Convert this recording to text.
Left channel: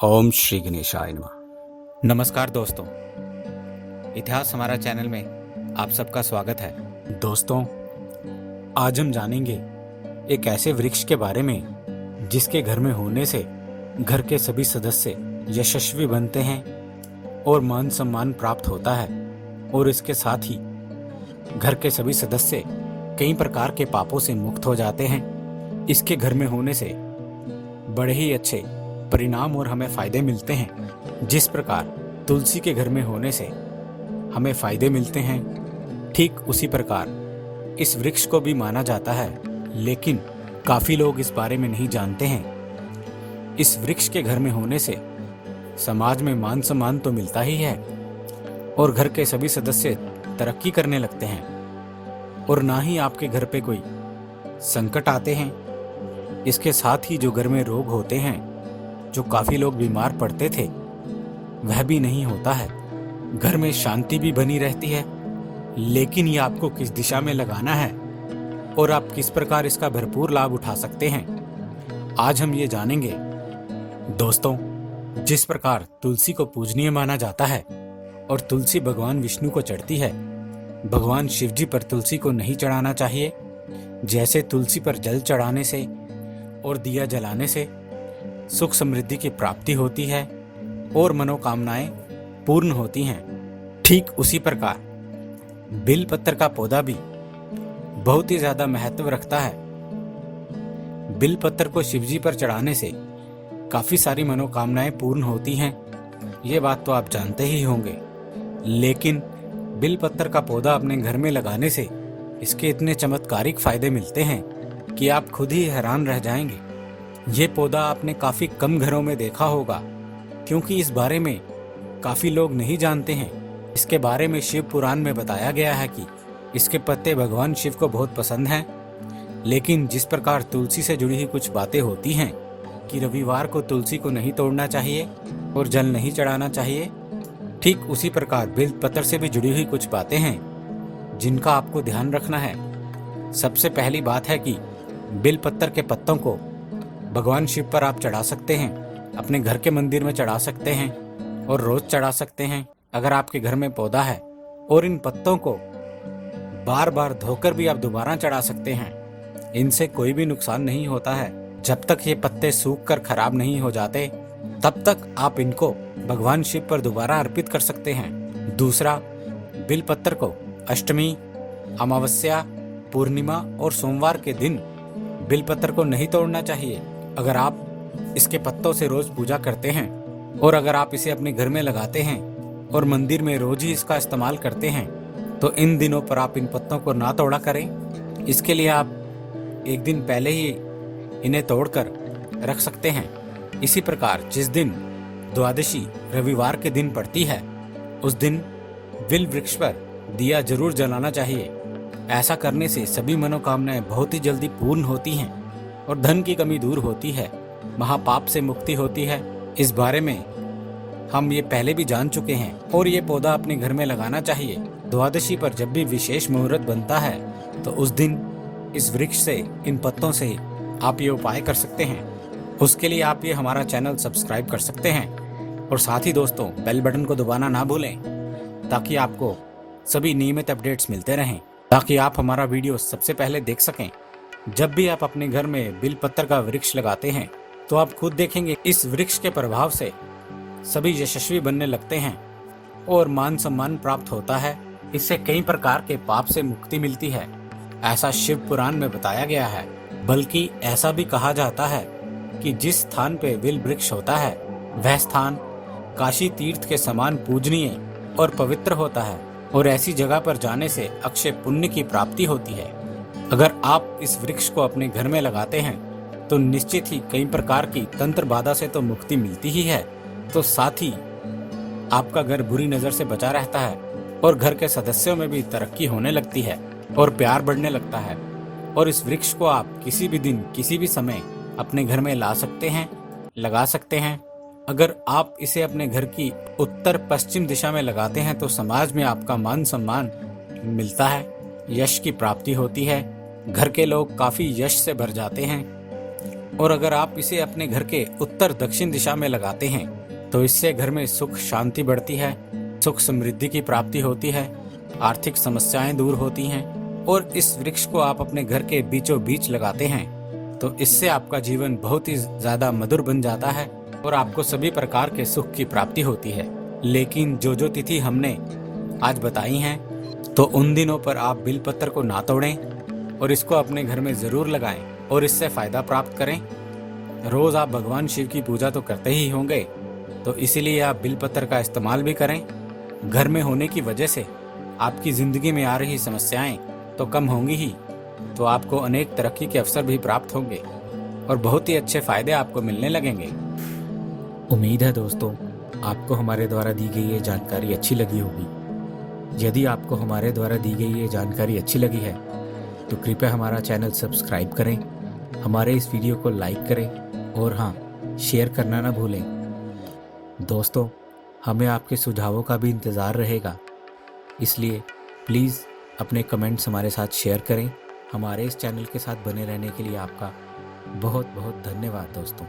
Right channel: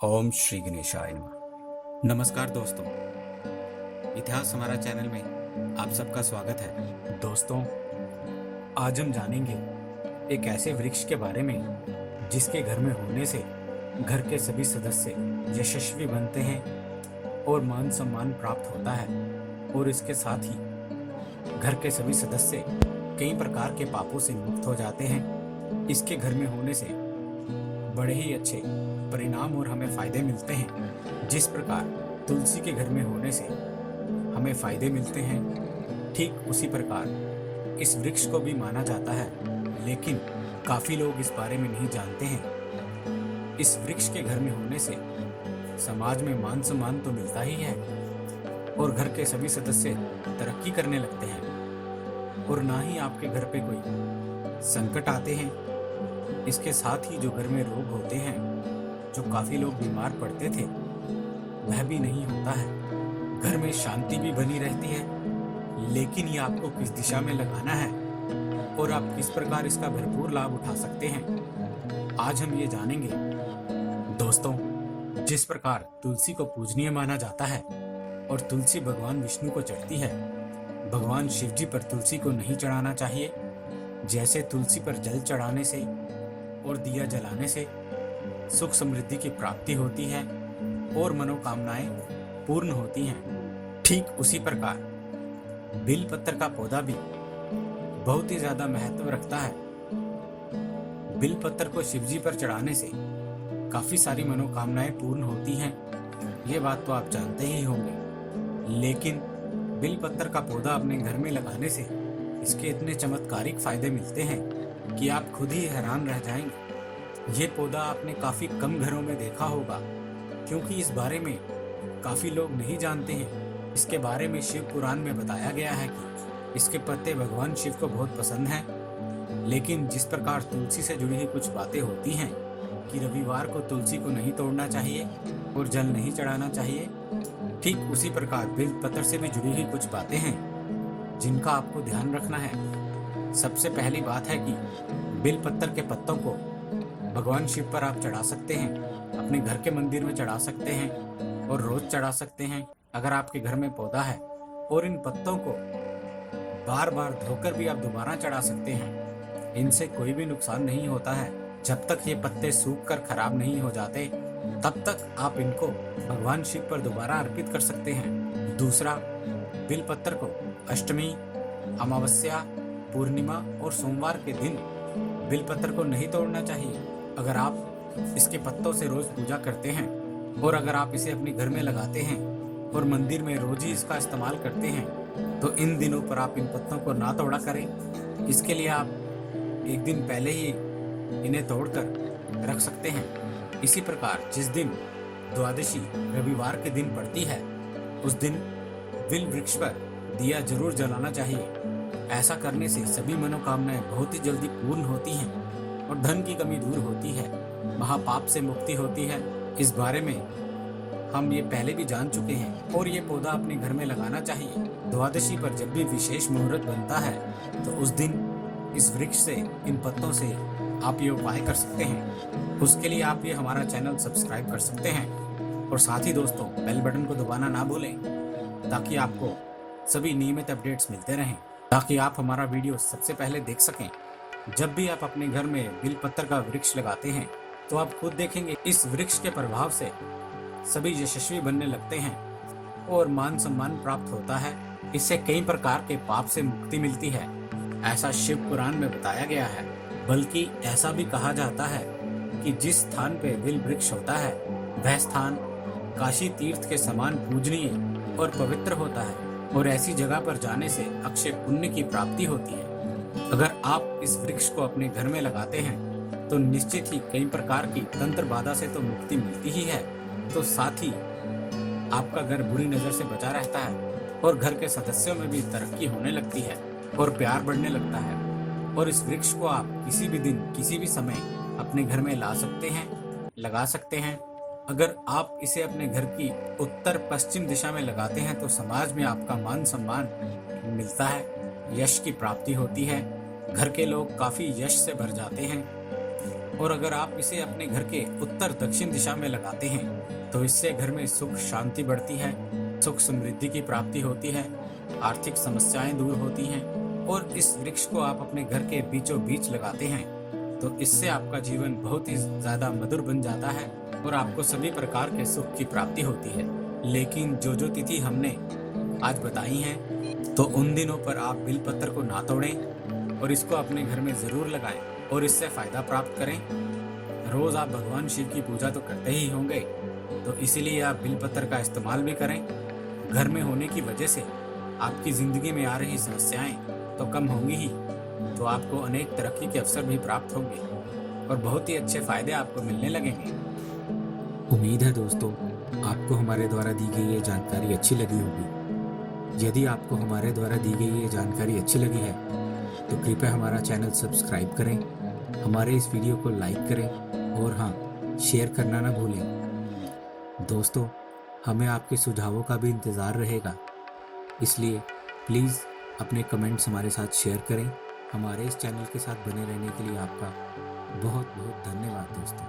ओम श्री गणेशाय नमः। नमस्कार दोस्तों, इतिहास हमारा चैनल में आप सबका स्वागत है। दोस्तों, आज हम जानेंगे एक ऐसे वृक्ष के बारे में जिसके घर में होने से घर के सभी सदस्य यशस्वी बनते हैं और मान सम्मान प्राप्त होता है, और इसके साथ ही घर के सभी सदस्य कई प्रकार के पापों से मुक्त हो जाते हैं। इसके घर में होने से बड़े ही अच्छे परिणाम और हमें फायदे मिलते हैं। जिस प्रकार तुलसी के घर में होने से हमें फायदे मिलते हैं, ठीक उसी प्रकार इस वृक्ष को भी माना जाता है, लेकिन काफी लोग इस बारे में नहीं जानते हैं। इस वृक्ष के घर में होने से समाज में मान सम्मान तो मिलता ही है और घर के सभी सदस्य तरक्की करने लगते हैं, और ना ही आपके घर पे कोई संकट आते हैं। इसके साथ ही जो घर में रोग होते हैं, जो काफी लोग बीमार पड़ते थे, वह भी नहीं होता है। घर में शांति भी बनी रहती है। लेकिन ये आपको किस दिशा में लगाना है और आप किस प्रकार इसका भरपूर लाभ उठा सकते हैं, आज हम ये जानेंगे। दोस्तों, जिस प्रकार तुलसी को पूजनीय माना जाता है और तुलसी भगवान विष्णु को चढ़ती है, भगवान शिव जी पर तुलसी को नहीं चढ़ाना चाहिए। जैसे तुलसी पर जल चढ़ाने से और दिया जलाने से सुख समृद्धि की प्राप्ति होती है और मनोकामनाएं पूर्ण होती हैं, ठीक उसी प्रकार बिल पत्र का पौधा भी बहुत ही ज्यादा महत्व रखता है। बिल पत्र को शिवजी पर चढ़ाने से काफी सारी मनोकामनाएं पूर्ण होती हैं, ये बात तो आप जानते ही होंगे। लेकिन बिल पत्र का पौधा अपने घर में लगाने से इसके इतने चमत्कारिक फायदे मिलते हैं कि आप खुद ही हैरान रह जाएंगे। ये पौधा आपने काफी कम घरों में देखा होगा, क्योंकि इस बारे में काफी लोग नहीं जानते हैं। इसके बारे में शिव पुराण में बताया गया है कि इसके पत्ते भगवान शिव को बहुत पसंद हैं। लेकिन जिस प्रकार तुलसी से जुड़ी हुई कुछ बातें होती हैं कि रविवार को तुलसी को नहीं तोड़ना चाहिए और जल नहीं चढ़ाना चाहिए, ठीक उसी प्रकार बिल पत्र से भी जुड़ी हुई कुछ बातें हैं जिनका आपको ध्यान रखना है। सबसे पहली बात है कि बिल पत्र के पत्तों को भगवान शिव पर आप चढ़ा सकते हैं, अपने घर के मंदिर में चढ़ा सकते हैं और रोज चढ़ा सकते हैं अगर आपके घर में पौधा है। और इन पत्तों को बार बार धोकर भी आप दोबारा चढ़ा सकते हैं। इनसे कोई भी नुकसान नहीं होता है। जब तक ये पत्ते सूख कर खराब नहीं हो जाते, तब तक आप इनको भगवान शिव पर दोबारा अर्पित कर सकते हैं। दूसरा, बिल पत्र को अष्टमी, अमावस्या, पूर्णिमा और सोमवार के दिन बिल पत्र को नहीं तोड़ना चाहिए। अगर आप इसके पत्तों से रोज पूजा करते हैं और अगर आप इसे अपने घर में लगाते हैं और मंदिर में रोज ही इसका इस्तेमाल करते हैं, तो इन दिनों पर आप इन पत्तों को ना तोड़ा करें। इसके लिए आप एक दिन पहले ही इन्हें तोड़कर रख सकते हैं। इसी प्रकार जिस दिन द्वादशी रविवार के दिन पड़ती है, उस दिन बिल वृक्ष पर दिया जरूर जलाना चाहिए। ऐसा करने से सभी मनोकामनाएं बहुत ही जल्दी पूर्ण होती हैं और धन की कमी दूर होती है, महापाप से मुक्ति होती है। इस बारे में हम ये पहले भी जान चुके हैं, और ये पौधा अपने घर में लगाना चाहिए। द्वादशी पर जब भी विशेष मुहूर्त बनता है, तो उस दिन इस वृक्ष से, इन पत्तों से आप ये उपाय कर सकते हैं। उसके लिए आप ये हमारा चैनल सब्सक्राइब कर सकते हैं, और साथ ही दोस्तों बेल बटन को दबाना ना भूलें, ताकि आपको सभी नियमित अपडेट्स मिलते रहें, ताकि आप हमारा वीडियो सबसे पहले देख सकें। जब भी आप अपने घर में बिल पत्र का वृक्ष लगाते हैं, तो आप खुद देखेंगे इस वृक्ष के प्रभाव से सभी यशस्वी बनने लगते हैं और मान सम्मान प्राप्त होता है। इससे कई प्रकार के पाप से मुक्ति मिलती है, ऐसा शिव पुराण में बताया गया है। बल्कि ऐसा भी कहा जाता है कि जिस स्थान पे बिल वृक्ष होता है, वह स्थान काशी तीर्थ के समान पूजनीय और पवित्र होता है, और ऐसी जगह पर जाने से अक्षय पुण्य की प्राप्ति होती है। अगर आप इस वृक्ष को अपने घर में लगाते हैं, तो निश्चित ही कई प्रकार की तंत्र बाधा से तो मुक्ति मिलती ही है, तो साथ ही आपका घर बुरी नजर से बचा रहता है और घर के सदस्यों में भी तरक्की होने लगती है और प्यार बढ़ने लगता है। और इस वृक्ष को आप किसी भी दिन, किसी भी समय अपने घर में ला सकते हैं, लगा सकते हैं। अगर आप इसे अपने घर की उत्तर पश्चिम दिशा में लगाते हैं, तो समाज में आपका मान सम्मान मिलता है, यश की प्राप्ति होती है, घर के लोग काफी यश से भर जाते हैं और अगर आप इसे अपने घर के उत्तर दक्षिण दिशा में लगाते हैं तो इससे घर में सुख शांति बढ़ती है, सुख समृद्धि की प्राप्ति होती है, आर्थिक समस्याएं दूर होती हैं। और इस वृक्ष को आप अपने घर के बीचों बीच लगाते हैं तो इससे आपका जीवन बहुत ही ज्यादा मधुर बन जाता है और आपको सभी प्रकार के सुख की प्राप्ति होती है। लेकिन जो तिथि हमने आज बताई हैं तो उन दिनों पर आप बिलपत्र को ना तोड़ें और इसको अपने घर में जरूर लगाएं और इससे फायदा प्राप्त करें। रोज आप भगवान शिव की पूजा तो करते ही होंगे, तो इसीलिए आप बिलपत्र का इस्तेमाल भी करें। घर में होने की वजह से आपकी जिंदगी में आ रही समस्याएं तो कम होंगी ही, तो आपको अनेक तरक्की के अवसर भी प्राप्त होंगे और बहुत ही अच्छे फायदे आपको मिलने लगेंगे। उम्मीद है दोस्तों आपको हमारे द्वारा दी गई ये जानकारी अच्छी लगी होगी। यदि आपको हमारे द्वारा दी गई ये जानकारी अच्छी लगी है तो कृपया हमारा चैनल सब्सक्राइब करें, हमारे इस वीडियो को लाइक करें और हाँ, शेयर करना ना भूलें। दोस्तों, हमें आपके सुझावों का भी इंतज़ार रहेगा, इसलिए प्लीज़ अपने कमेंट्स हमारे साथ शेयर करें। हमारे इस चैनल के साथ बने रहने के लिए आपका बहुत बहुत धन्यवाद दोस्तों।